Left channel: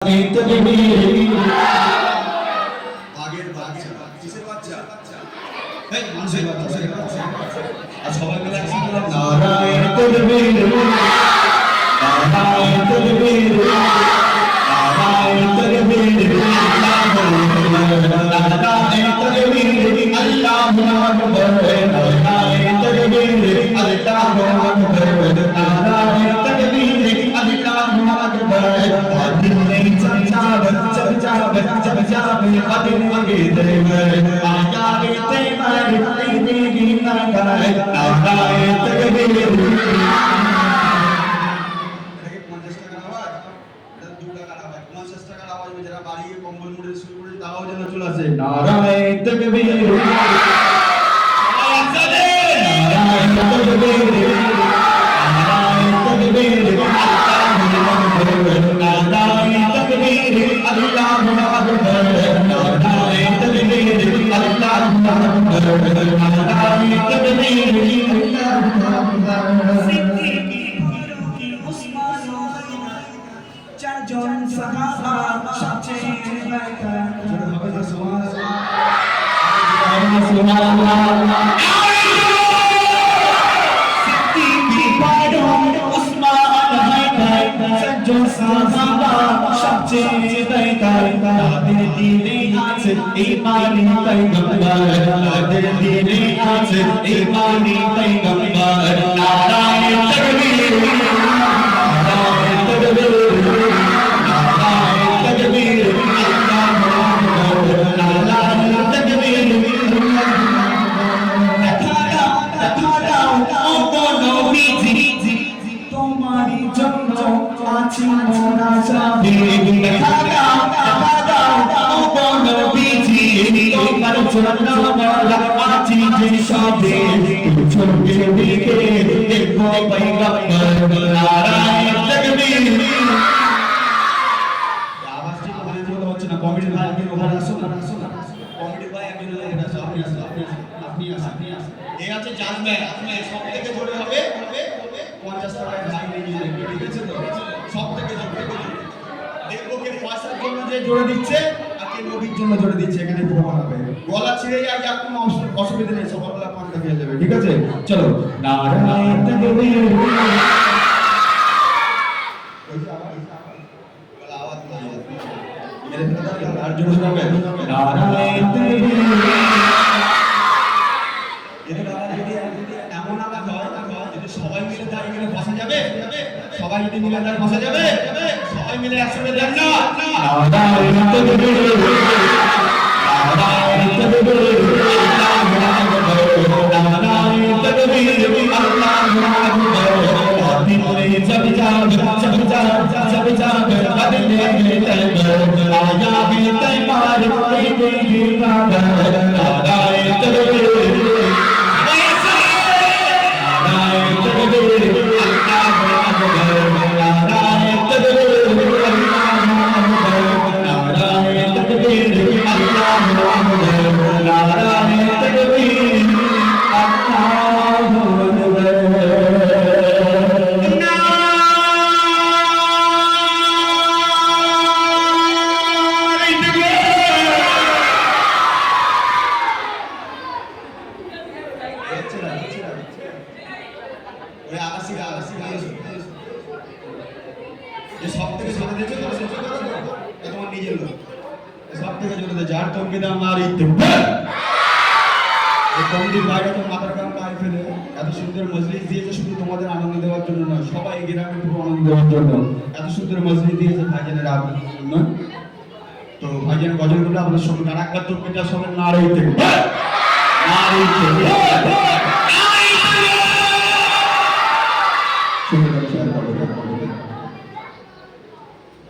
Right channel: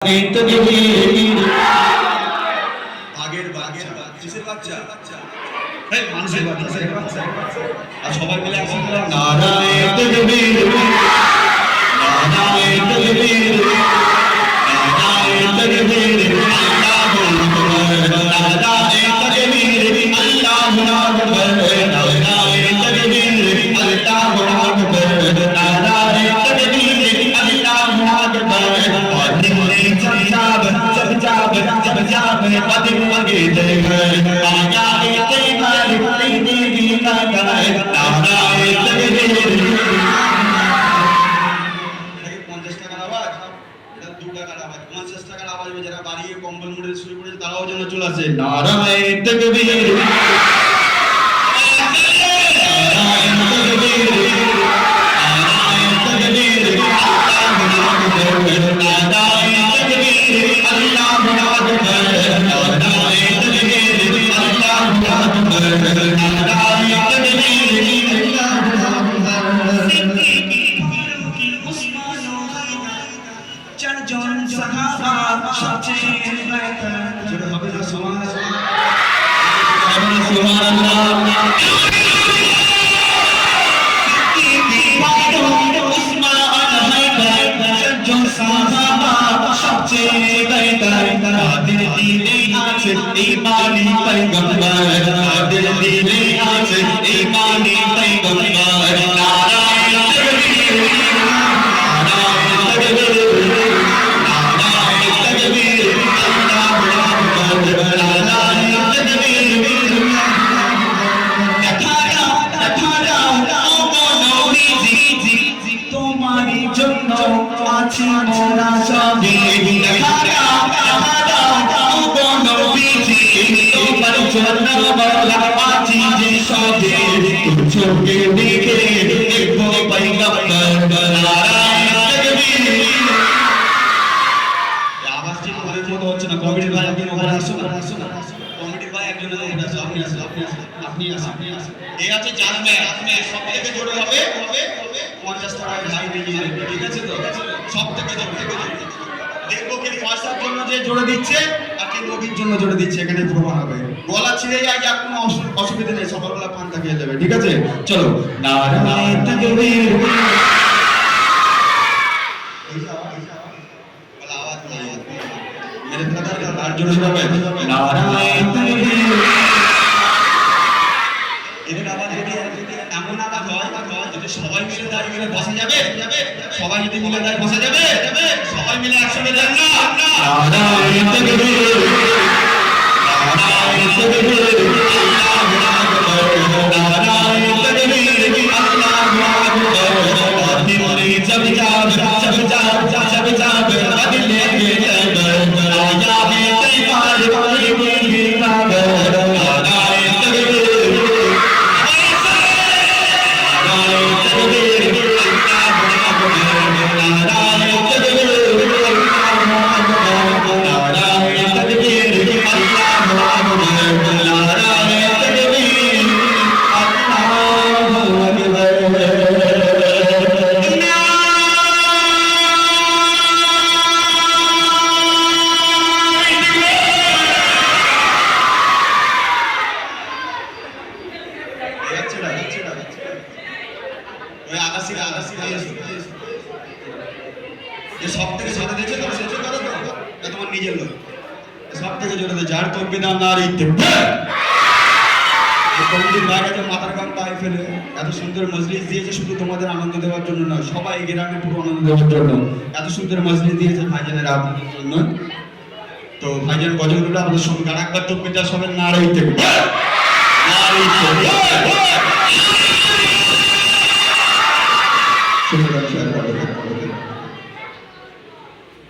আগের বাচ্চা কিসের বাচ্চা এই মানুষের বাচ্চা আর সবাই মিলে একসাথে নারায়ে তাকবীর নারায়ে তাকবীর নারায়ে তাকবীর আল্লাহু আকবার নারায়ে তাকবীর আল্লাহু আকবার নারায়ে তাকবীর আল্লাহু আকবার নারায়ে তাকবীর আল্লাহু আকবার जब कदम आगे चले आया तेरे तेरी गीता गाए नाराए तकबीर এটাকে 50 টাকার আওয়াজ এটা 2 টাকার আওয়াজ 50 টাকার আওয়াজ যারা বাড়িয়ে কম্বল মুড়ে শুরু করেছে তারাও যেন চলে আসে নারায়ে তকবীর চারজন সাহাবা সবচেয়ে বেহতর জোরে হবে না সুবহানাল্লাহ সবচেয়ে বেহতর তাদের দিলে আছে ঈমানি পয়গম্বর তাদের দিলে আছে ঈমানি পয়গম্বর নারায়ে তাকবীর নারায়ে তাকবীর আল্লাহু আকবার নারায়ে তাকবীর দেখা দাও ও নবীজি তোমারই জন্য আছি মোরা সবে দেখা দাও ও নবীজি তোমার জন্য মোরা আছি যে সবে চোখে দেখে দেখো পয়গম্বর নারায়ে তাকবীর আওয়াজটি তোমাদের মতো হচ্ছে না কমিটি ভাই আপনি ওখানে আসুন কমিটি ভাই একজন আপনি আসুন এই আছে জানবে আপনি সব থেকে জোরে হবে 50 টাকা ভাই নিয়ে ঠিক আছে তো সব থেকে জোরে দেখবো কি পয়সার জন্য যে জোরে দিচ্ছে আর কি নবীর জন্য জোরে দিচ্ছে এখানে প্রমাণ হবে গলা ছিঁড়ে যায় আর কোনো অসুবিধা নেই সকালবেলা পান্তা খেয়ে যাবে ঠিক আছে চলো নারায়ে তাকবীর আওয়াজ নাই মেরে ফেলা আর জোরে শোনাবে নারায়ে তাকবীর এদের আওয়াজ যদি এমন আওয়াজ হয় যদি সবাই মিলে দাঁড়িয়ে গেলে বসে যাবে সবাই যদি মিলে দাঁড়িয়ে বসে যাবে সবাই মিলে একসাথে যান না নারায়ে তাকবীর নারায়ে তাকবীর আল্লাহু আকবার নারায়ে তাকবীর আল্লাহু আকবার দিলে জব বদলে গে তব আয়া হে তৈবার কোई गीता नाराये तकबीर সব থেকে জোরে দিয়েছে তো সহ্য করো তো তোমার নিজের লোক সব থেকে জোরে দিয়ে যার তোর বিধান নারী কমিটির বাইরে যে মাথার কাম তাই ফেলে এত সুন্দর মজলিস দিয়েছে শুধু তোমাদের আনন্দ দেওয়ার জন্য নয় সবাই গ্রামে পুরো আনন্দ দেওয়ার জন্য এত সুন্দর মজলিস দিয়েছে ভাইজানের আপনাদের জন্য তো ভাইজান গজলগুলো আপনাদের সঙ্গে আর একবার তোর পিতা সবের নারী